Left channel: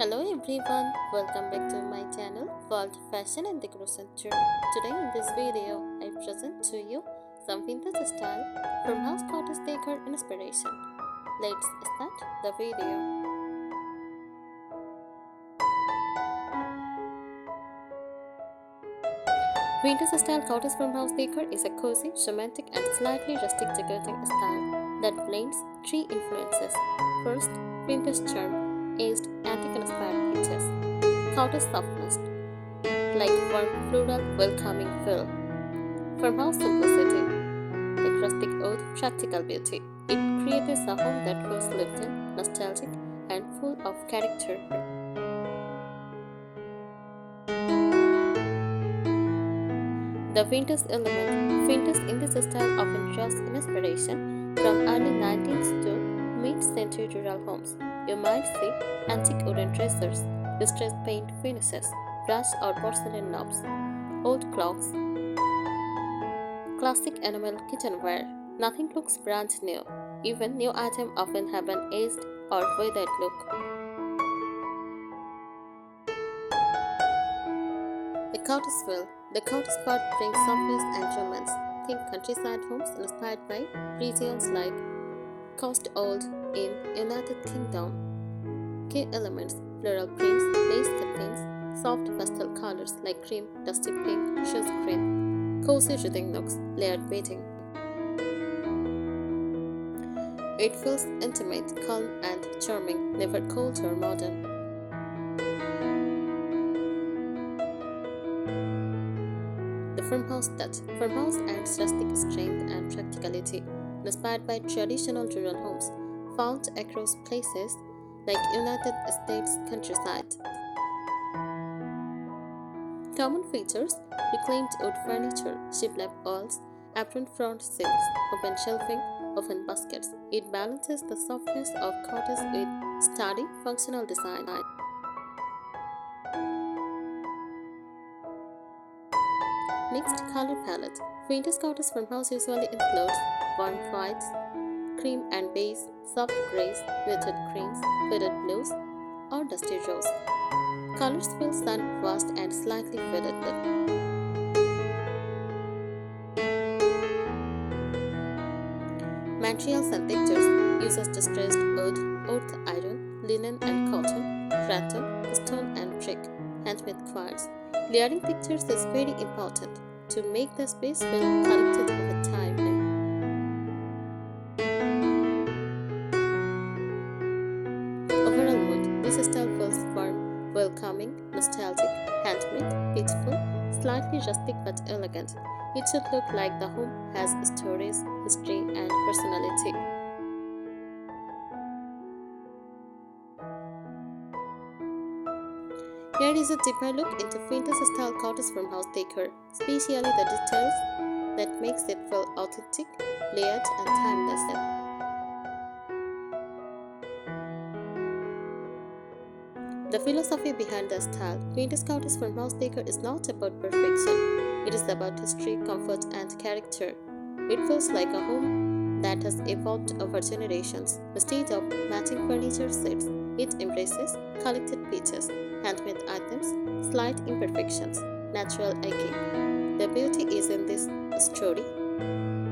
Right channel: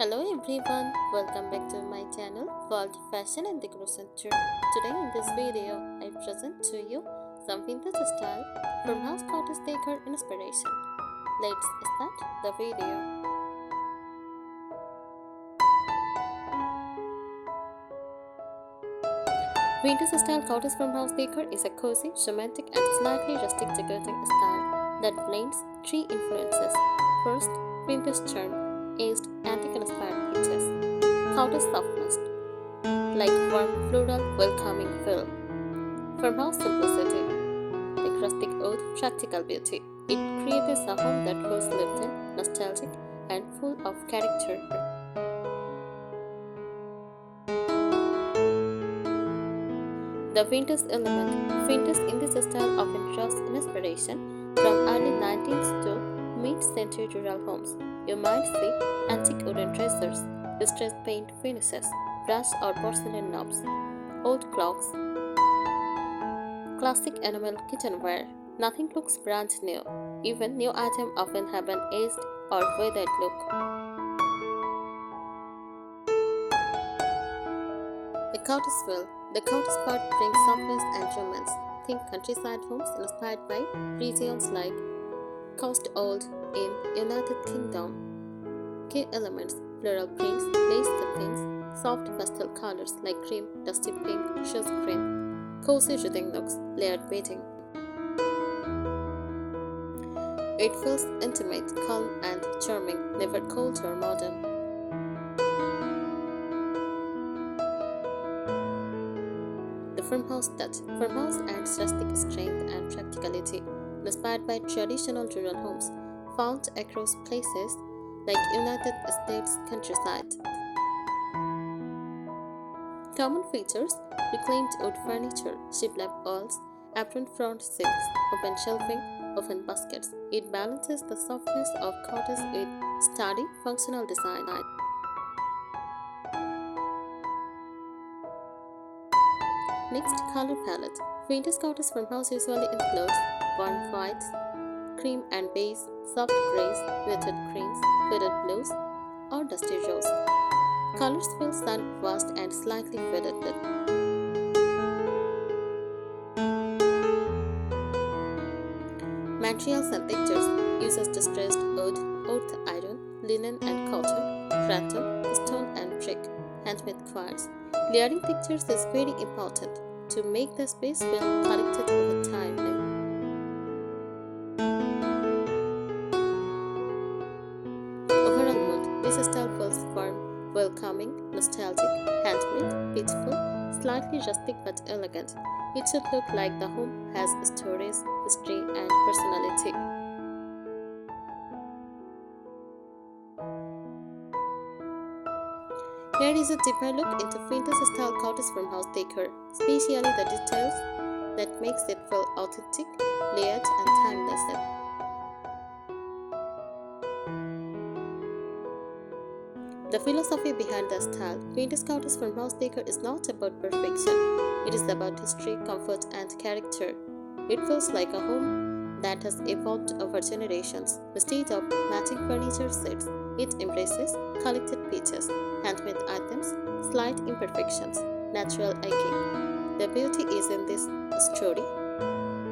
Hello everyone, welcome back to my channel World Fashion and Decor Center. Today in this video, I present to you some vintage style farmhouse cottage decor inspiration. Let's start the video. Vintage style cottage farmhouse decor is a cozy, romantic and slightly rustic decorating style that blends three influences. First, vintage charm, aged antique inspired pieces. Cottage softness, like warm floral welcoming feel. Farmhouse simplicity, like rustic oud practical beauty. It creates a home that feels lived in, nostalgic, and full of character. The vintage element. Vintage in this style often draws inspiration from early 19th to mid-century rural homes. You might see antique wooden dressers, distressed paint finishes, brass or porcelain knobs, old clocks, classic enamel kitchenware. Nothing looks brand new. Even new items often have an aged or weathered look. The cottage feel. The cottage part brings softness and romance. Think countryside homes inspired by regions like Coast Old in United Kingdom. Key elements: floral prints, lace cuttings, soft pastel colors like cream, dusty pink, rose green, cozy reading nooks, layered bedding. It feels intimate, calm, and charming, never cold or modern. The farmhouse touch. Farmhouse adds rustic strength and practicality, inspired by traditional rural homes found across places like United States countryside. Common features: reclaimed wood furniture, shiplap walls, apron front seats, open shelving, open baskets. It balances the softness of cottage with sturdy, functional design. Next, color palette. Vintage cottage farmhouse usually includes warm whites, cream and beige, soft grays, muted greens, faded blues, or dusty rose. Colors feel sun-washed and slightly faded. Materials and textures uses distressed wood, earth iron, linen and cotton, rattan, stone and brick, handmade quartz. Layering textures is very important to make the space feel collected over time. Overall mood: this style feels warm, welcoming, nostalgic, handmade, peaceful, slightly rustic but elegant. It should look like the home has stories, history, and personality. Here is a deeper look into vintage style cottage farmhouse decor, especially the details that makes it feel authentic, layered, and timeless. The philosophy behind the style. Vintage cottage farmhouse decor is not about perfection. It is about history, comfort, and character. It feels like a home that has evolved over generations. Instead of matching furniture sets, it embraces collected pieces, handmade items, slight imperfections, natural aging. The beauty is in this story,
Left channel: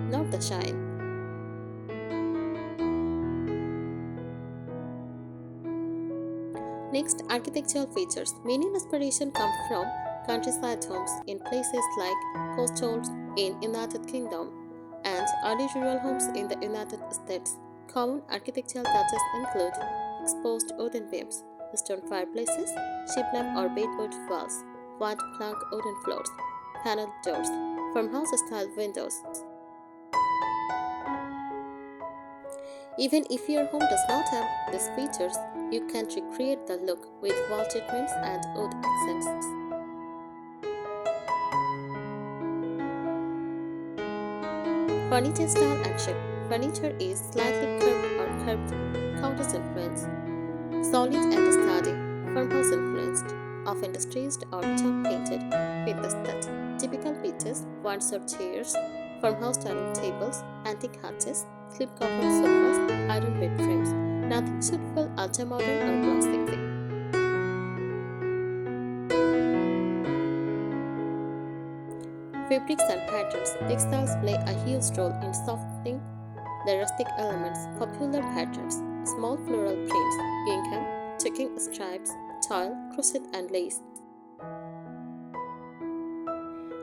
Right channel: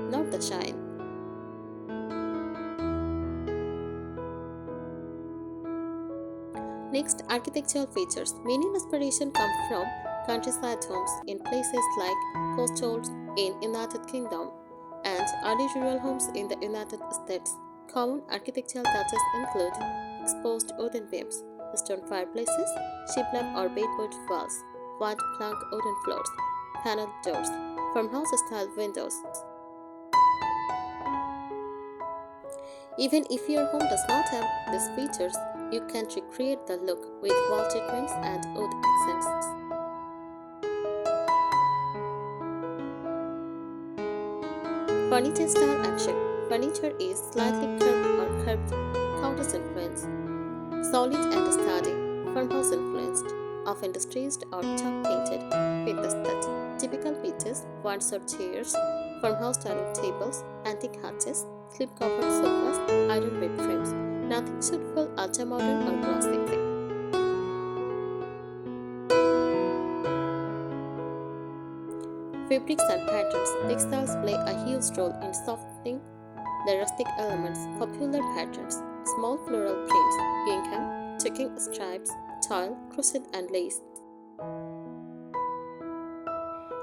not the shine. Next, architectural features. Many inspiration come from countryside homes in places like coastal in United Kingdom and early rural homes in the United States. Common architectural touches include exposed wooden beams, stone fireplaces, shiplap or bedboard walls, wide plank wooden floors, paneled doors, farmhouse-style windows. Even if your home does not have these features, you can recreate the look with wall treatments and wood accents. Furniture style and shape. Furniture is slightly curved or curved, cottage influence, solid and sturdy, farmhouse influenced, often distressed or chalk painted, with the stud. Typical pieces: Windsor chairs, farmhouse dining tables, antique hatches, slip covered sofas, iron bed frames. Nothing should feel ultra modern or glossy. Fabrics and patterns. Textiles play a huge role in softening the rustic elements. Popular patterns. Small floral prints, gingham, checking stripes, tile, crochet and lace.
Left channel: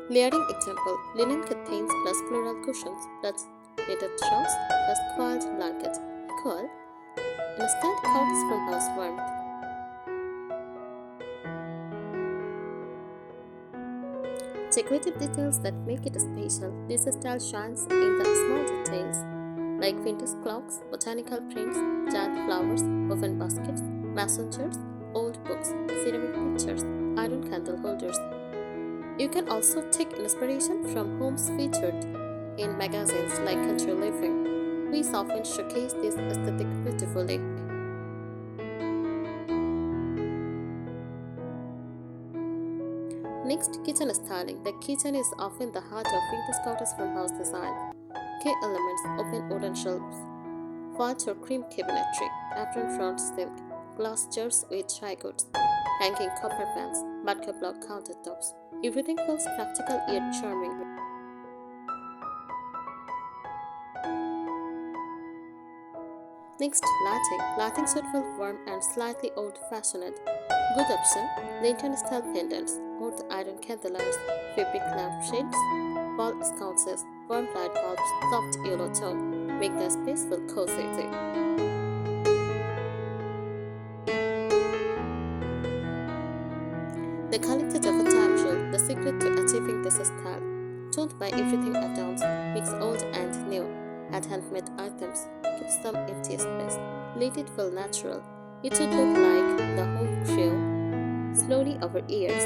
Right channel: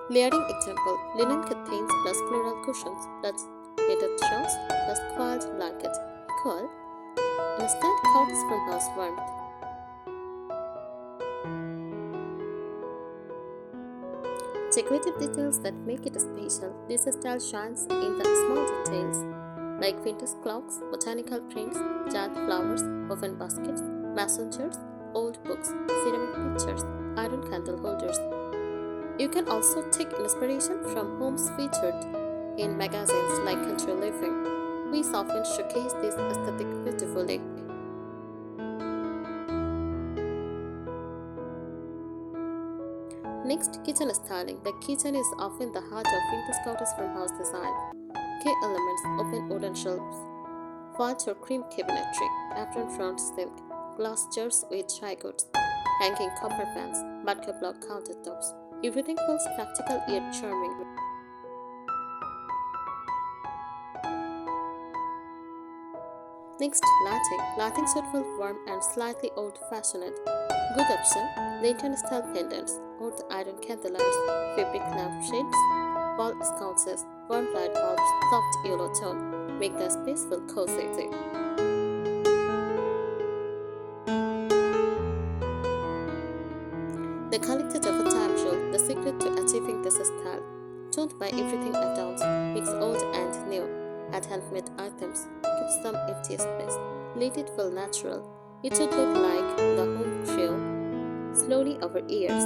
Layering example, linen curtains plus floral cushions plus knitted shawls plus coiled blanket. Coil, instant cottage farmhouse warmth. Decorative details that make it special. This style shines in the small details, like vintage clocks, botanical prints, jade flowers, woven baskets, mason jars, old books, ceramic pictures, iron candle holders. You can also take inspiration from homes featured in magazines like Country Living. We often showcase this aesthetic beautifully. Next, kitchen styling. The kitchen is often the heart of vintage cottage farmhouse design. Key elements: open wooden shelves, white or cream cabinetry, apron front sink, glass jars with dry goods, hanging copper pans, vodka block countertops. Everything feels practical yet charming. Next, lighting. Lighting should feel warm and slightly old-fashioned. Good option: lantern-style pendants, old iron candelights, fabric lampshades, wall sconces, warm light bulbs, soft yellow tone. Make the space feel cozy. The quality of a time jewel, the secret to achieving this style. Don't buy everything at once. Mix old and new. Add handmade items. Keep some empty space. Let it feel natural. It should look like the home grew slowly over years.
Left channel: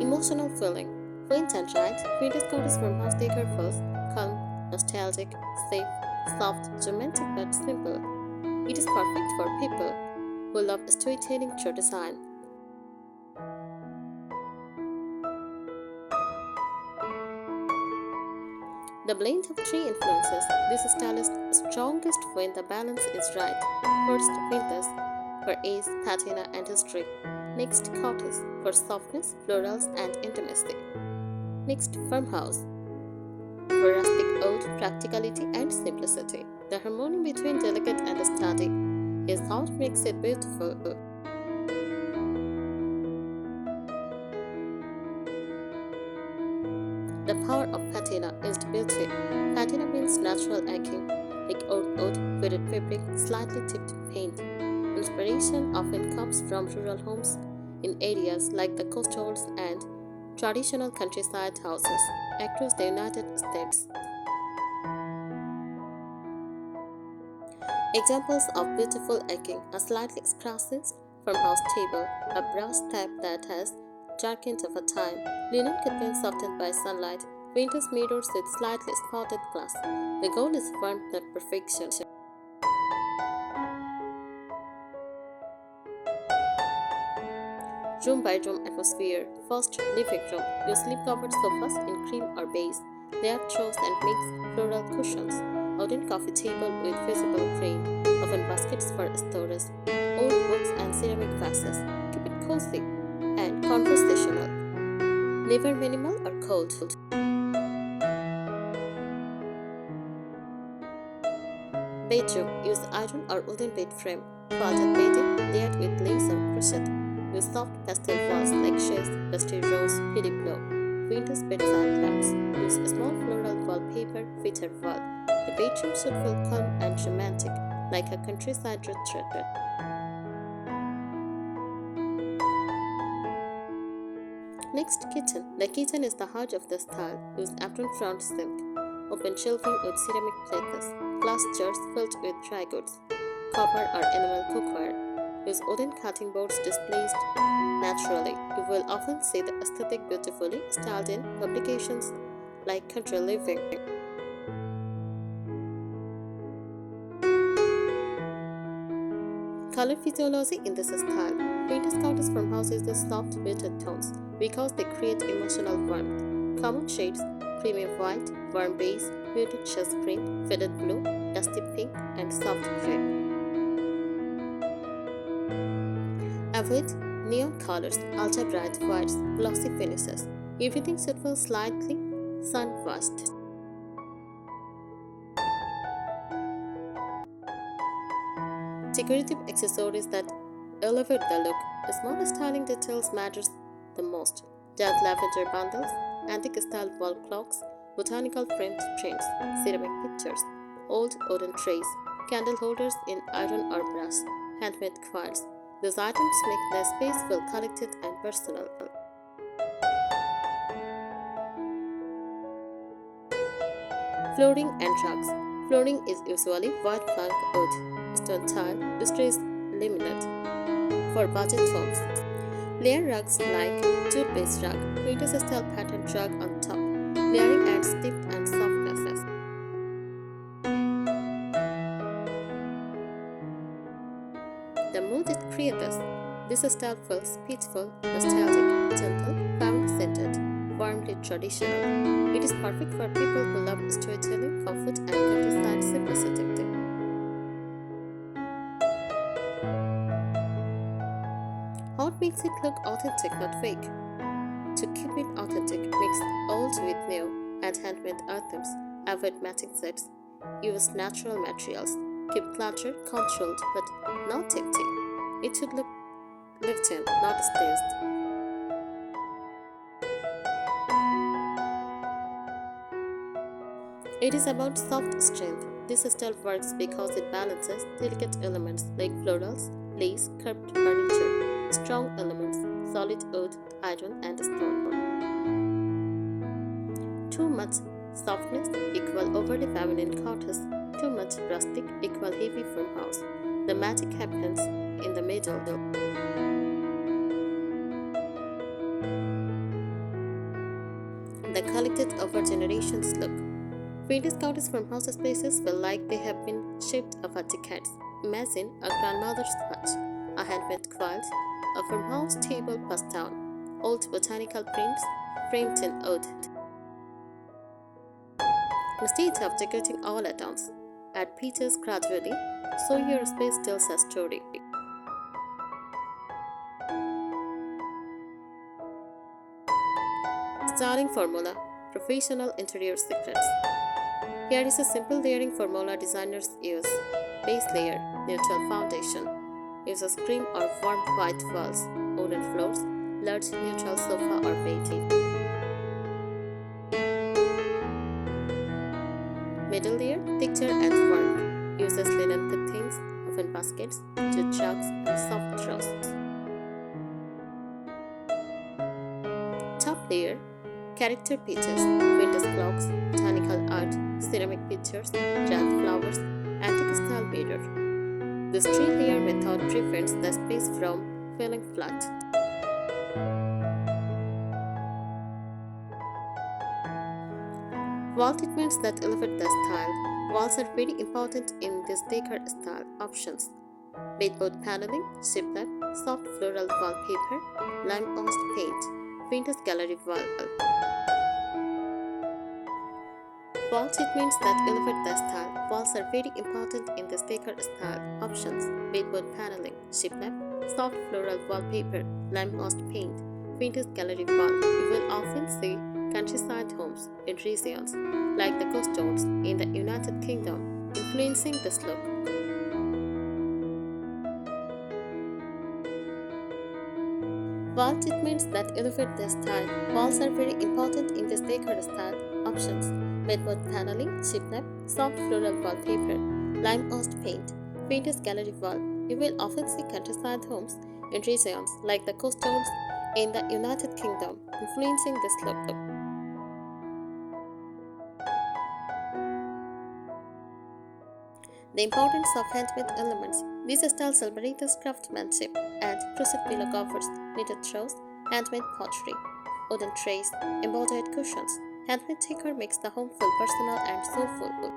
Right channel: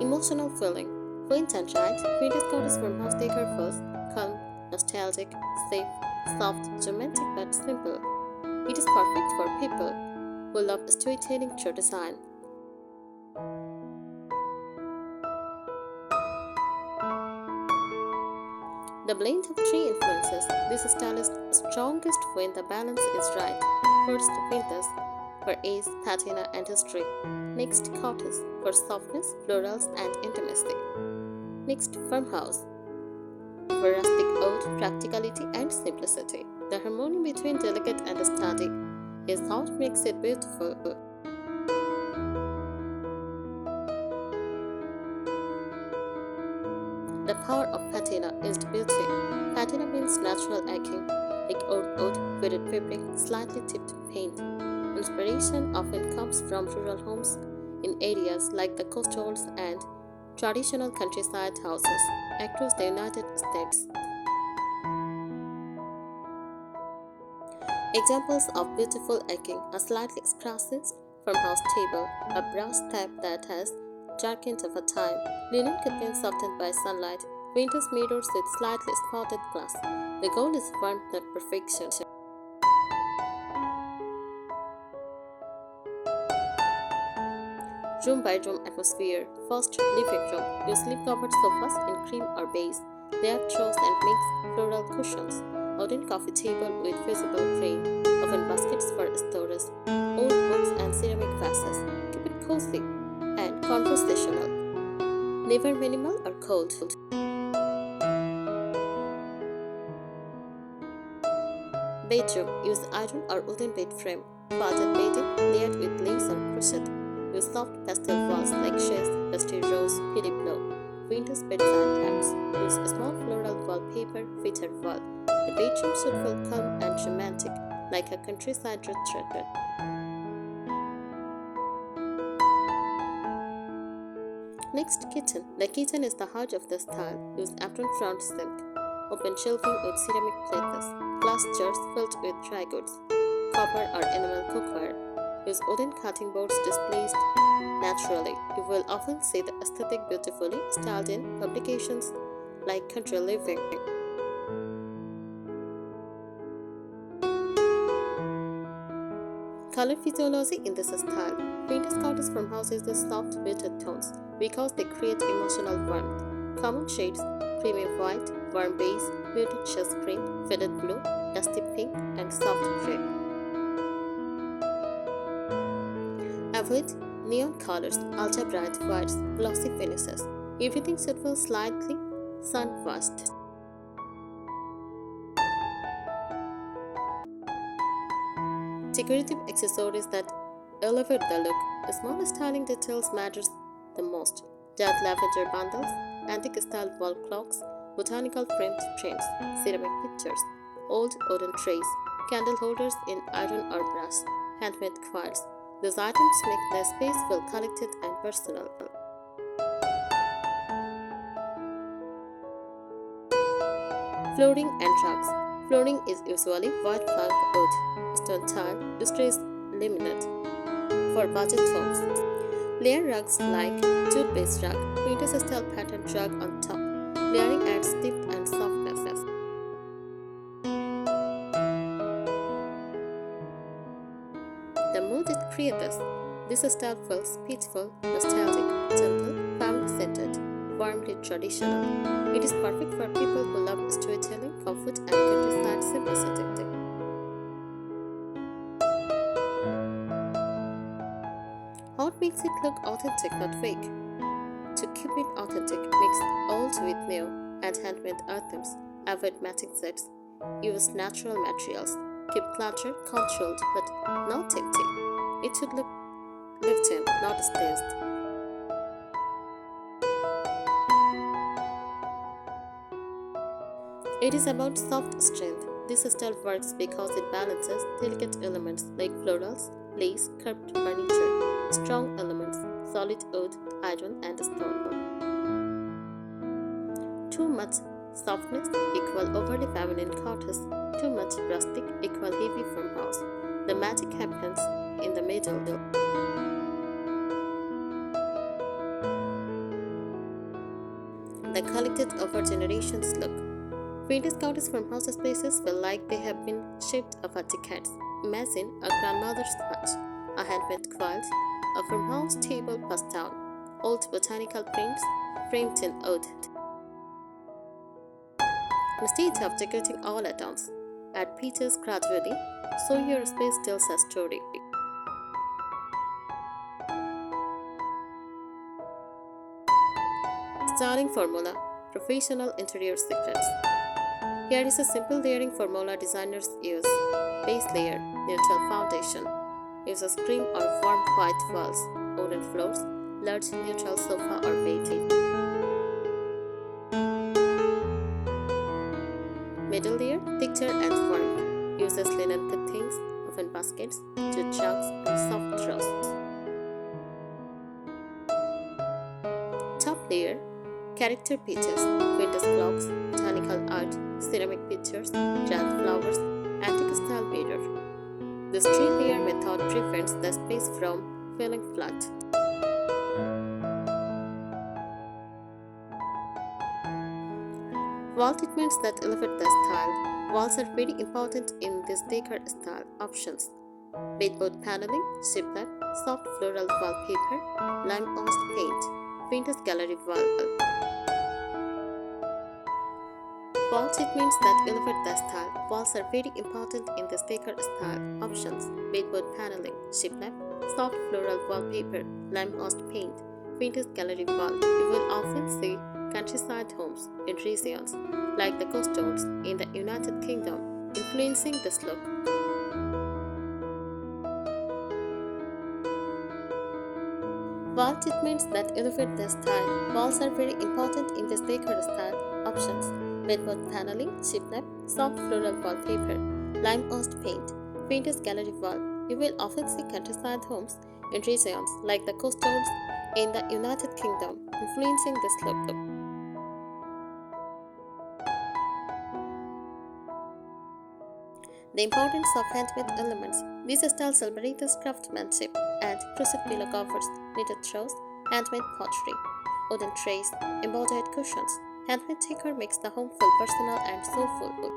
Emotional feeling. Quaint and right, vintage cottage farmhouse decor feels calm, nostalgic, safe, soft, romantic but simple. It is perfect for people who love storytelling through design. The blend of three influences. This style is strongest when the balance is right. First, vintage for ease, patina, and history. Next, cottage for softness, florals, and intimacy. Next, farmhouse for rustic old, practicality, and simplicity. The harmony between delicate and sturdy is what makes it beautiful. The power of patina is beauty. Patina means natural aging, like old wood, faded fabric, slightly tipped paint. Inspiration often comes from rural homes in areas like the coastals and traditional countryside houses across the United States. Examples of beautiful aging: a slightly scratched farmhouse table, a brass tap that has darkened over time, linen curtains softened by sunlight, vintage mirrors with slightly spotted glass. The goal is warmth, not perfection. Room by room atmosphere. First, living room. Use slip-covered sofas in cream or beige. Layered throws and mixed floral cushions. Wooden coffee table with visible crane. Oven baskets for storage. Old books and ceramic vases. Keep it cozy and conversational. Never minimal or cold. Bedroom. Use iron or wooden bed frame. Quilted bedding layered with lace or crochet. Use soft pastel walls like chaise, dusty rose, pili blue. Vintage bedside lamps. Use small floral wallpaper, featured wall. The bedroom should feel calm and romantic, like a countryside retreat. Next, kitchen. The kitchen is the heart of the style. Use apron front sink. Open shelving with ceramic plates. Glass jars filled with dry goods. Copper or enamel cookware. Use wooden cutting boards displaced naturally. You will often see the aesthetic beautifully styled in publications like Country Living. Color physiology in this style. Vintage cottage farmhouses use soft muted tones because they create emotional warmth. Common shades: creamy white, warm beige, muted chess green, faded blue, dusty pink, and soft gray. Avoid Neon colors, ultra bright whites, glossy finishes. Everything should feel slightly sun-washed. Decorative accessories that elevate the look. Small styling details matters the most. Dark lavender bundles, antique style wall clocks, botanical framed prints, ceramic pictures, old wooden trays, candle holders in iron or brass, handmade quilts. These items make the space feel collected and personal. Flooring and rugs. Flooring is usually white plank wood, stone tile, distressed laminate. For budget homes, layer rugs like jute-based rug, princess style pattern rug on top. Layering adds depth and softness. The mood it creates. This style feels peaceful, nostalgic, gentle, family-centered, warmly traditional. It is perfect for people who love storytelling, comfort, and countryside simplicity. What makes it look authentic, not fake? To keep it authentic, mix old with new, add handmade items, avoid matching sets, use natural materials, keep clutter controlled but not empty. It should look lived in, not staged. It is about soft strength. This style works because it balances delicate elements like florals, lace, curved furniture, strong elements, solid wood, iron, and stone. Too much softness equal overly feminine cottage, too much rustic equal heavy farmhouse. The magic happens in the middle. The collected over generations look. Vintage cottage farmhouse spaces feel like they have been shaped over decades. Imagine a grandmother's hutch, a handmade quilt, a farmhouse table passed down, old botanical prints framed in wood. Instead of decorating all at once, add pieces gradually so your space tells a story. Styling formula, professional interior secrets. Here is a simple layering formula designers use. Base layer, neutral foundation. Use a cream or warm white walls, wooden floors, large neutral sofa or bed. Middle layer, texture and warmth. Uses linen fittings, oven baskets, jute rugs, and soft draws. Top layer, character pieces, vintage clocks, botanical art, ceramic pictures, giant flowers, antique style mirror. This three-layer method prevents the space from feeling flat. Wall treatments that elevate the style. Walls are very important in this decor style options. Bedboard paneling, shiplap, soft floral wallpaper, lime-washed paint, vintage gallery wall. Wall treatments that elevate the style. Walls are very important in this decor style options. Bedboard paneling, shiplap, soft floral wallpaper, lime-washed paint, vintage gallery wall. You will often see countryside homes in regions like the coast towns in the United Kingdom, influencing this look. Wall treatments that elevate the style. Walls are very important in this decor style options. Bedboard paneling, shiplap, soft floral wallpaper, lime-washed paint, vintage gallery wall. You will often see countryside homes in regions like the coast towns in the United Kingdom, influencing this look. The importance of handmade elements. These styles celebrate craftsmanship and crochet pillow covers, knitted throws, handmade pottery, wooden trays, embodied cushions. Handmade decor makes the home feel personal and soulful.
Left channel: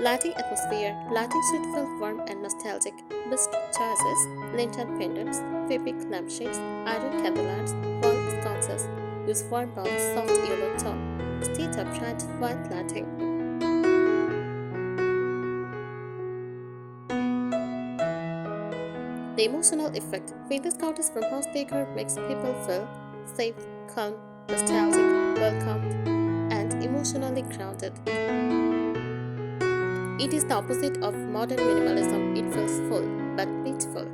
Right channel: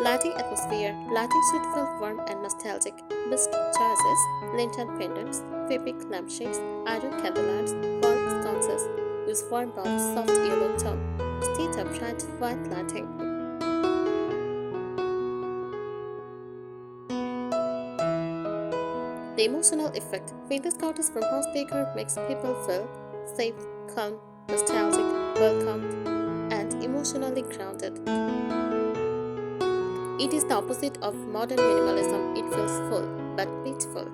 Lighting atmosphere. Lighting should feel warm and nostalgic. Best choices: lantern pendants, fabric lampshades, iron candelights, wall sconces. Use warm bulbs, soft yellow tone. Instead of bright white lighting. The emotional effect. Vintage Cottage Farmhouse Decor makes people feel safe, calm, nostalgic, welcomed, and emotionally grounded. It is the opposite of modern minimalism. It feels full but beautiful.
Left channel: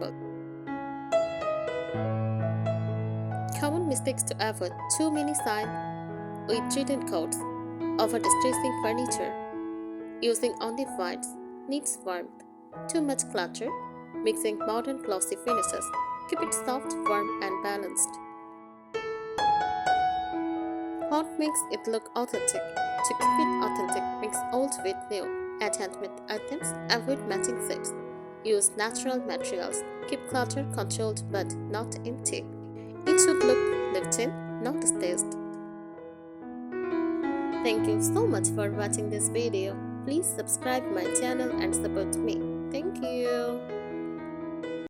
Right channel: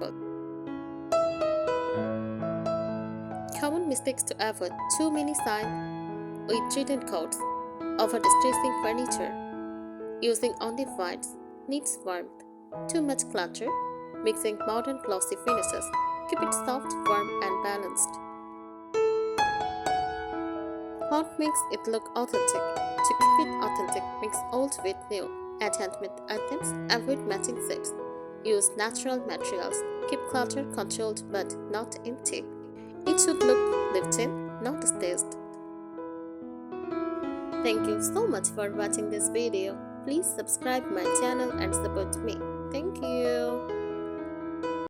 Common mistakes to avoid: too many signs with written codes, over distressing furniture, using only whites, needs warmth, too much clutter, mixing modern glossy finishes. Keep it soft, warm, and balanced. What makes it look authentic? To keep it authentic, mix old with new. Add handmade items, avoid matching sets. Use natural materials. Keep clutter controlled but not empty. It should look lived in, not staged. Thank you so much for watching this video. Please subscribe my channel and support